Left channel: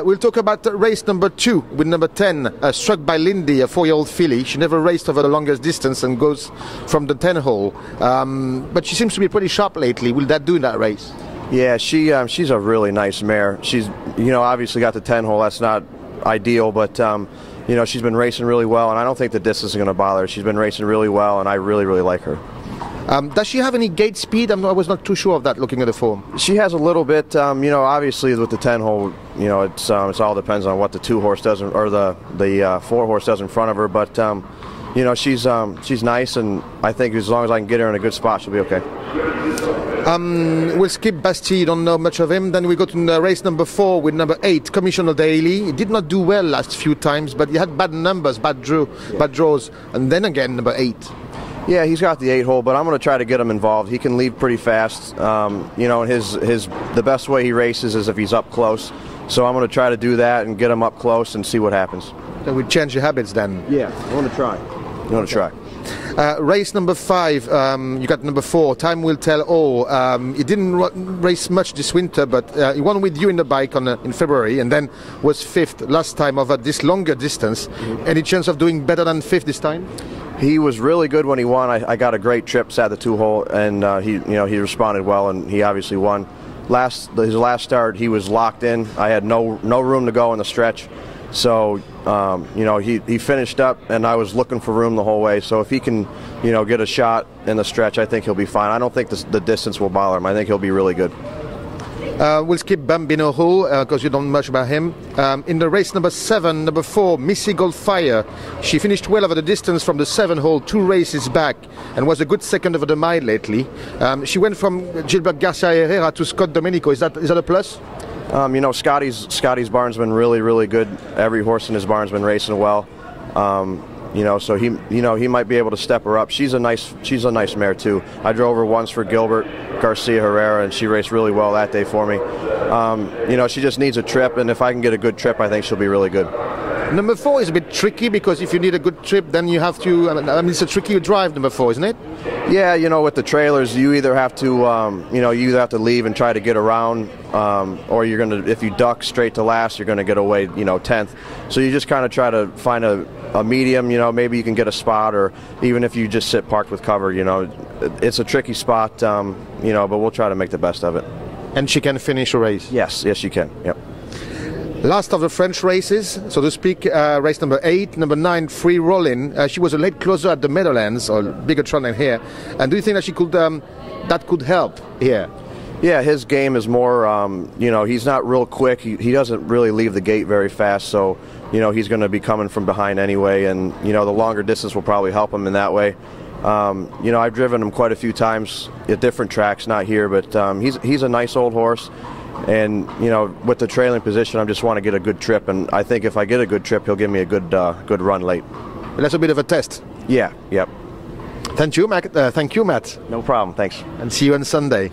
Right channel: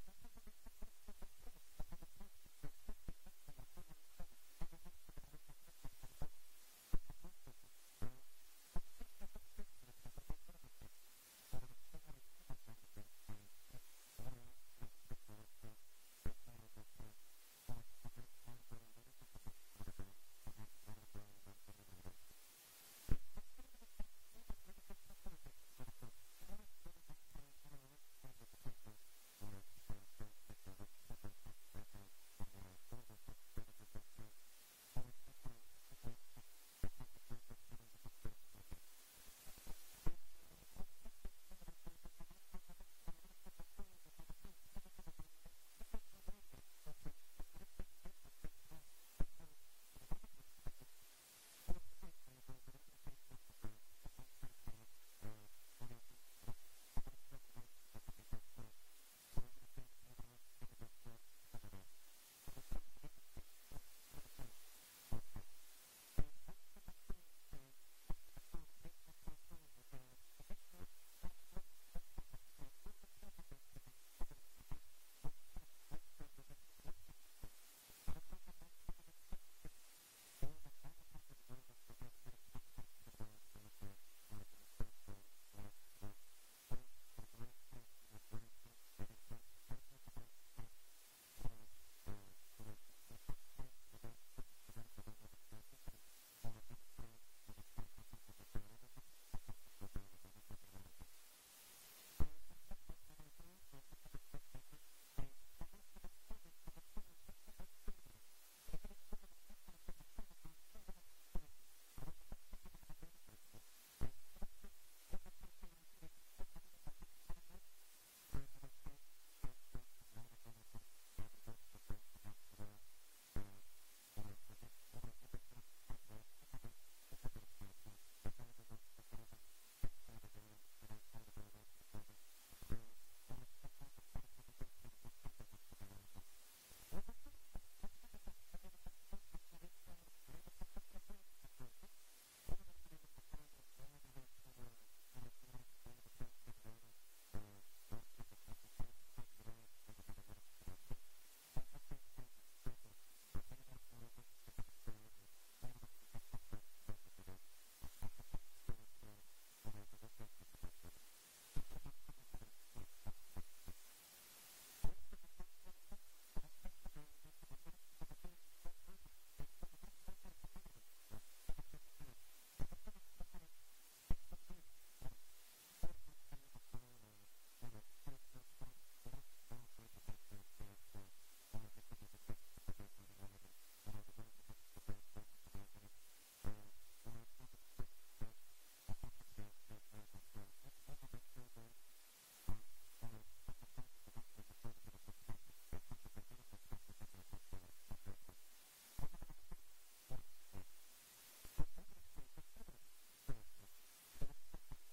We'll talk about race number 2 with number 10, Struck by Lindy, a 4-year-old filly. She never raced over the longest distance and goes from the 10 hole. But she seems to be pretty sharp lately. Will that do in that race? Yeah, she's a really nice mare. She's, obviously got the 10 hole. That's not ideal, but she's been racing really well, and I don't think the distance is going to bother her. She's been racing really well, and I really, really like her. Does she have any gate speed? I was not too sure of that looking at the form. She has a little bit. Obviously with the 10 hole, it's all depends on what the 2-horse does or the 4-horse does in front of her. But she's nice, and I think as long as I can get her in a good spot, she'll be okay. We'll skip Bastille. You don't know much of him. Then we go to race number 4 with number 8, Commissioner Daly. He did not do well last few times, but he had bad numbers, bad draws, and then again number 8. Yeah, he's got the 8 hole, but I'm going to try to get him involved. He can leave pretty fast. And the best way he races is if he's up close. So I'm going to try to do that and get him up close and see what happens. So we change your habits then. Yeah, I want to try. Race number 5, you got number 4, Time Will Tell All. He didn't race much this winter, but he won with you in the bike in February, and then was 5th last time over this longer distance. Any chance of doing better than 5th this time? He was really good when he won. I got a great trip, sat the 2 hole, and he responded well, and he obviously won. His last start, he was locked in. I had no room to go in the stretch. So, he finished up, and I was looking for room the whole way. So if he can, get a shot in the stretch, I think he'll be fine. I don't think the distance will bother him. I think he'll be really good. We'll skip Bambino Hull because you don't know much about him. In the race number 7, number 4, Missy Goldfire. She finished well over the distance from the 7 hole, 2 races back, and was a good second over the mile lately. She went from Gilbert Garcia Herrera to Scott Domenico. Is that a plus? Scotty's barn's been really, really good. Every horse in his barn's been racing well. So he might be able to step her up. She's a nice mare too. I drove her once for Gilbert Garcia Herrera, and she raced really well that day for me. She just needs a trip, and if I can get a good trip, I think she'll be really good. Number 4 is a bit tricky because if you need a good trip, then you have to. It's a tricky drive, number 4, isn't it? Yeah, with the trailers, you either have to, leave and try to get around, or you're gonna. If you duck straight to last, you're gonna get away, 10th. So you just kind of try to find a medium. Maybe you can get a spot, or even if you just sit parked with cover, it's a tricky spot, but we'll try to make the best of it. And she can finish a race. Yes, she can. Yep. Last of the French races, so to speak, race number 8, number 9, Free Rollin'. She was a late closer at the Meadowlands, or bigger trot than here. And do you think that she could, that could help here? Yeah, his game is more, he's not real quick. He doesn't really leave the gate very fast, so, he's going to be coming from behind anyway, and, the longer distance will probably help him in that way. I've driven him quite a few times at different tracks, not here, but he's a nice old horse. And, with the trailing position, I just want to get a good trip. And I think if I get a good trip, he'll give me a good run late. That's a bit of a test. Yeah, yep. Thank you, Matt. No problem, thanks. And see you on Sunday.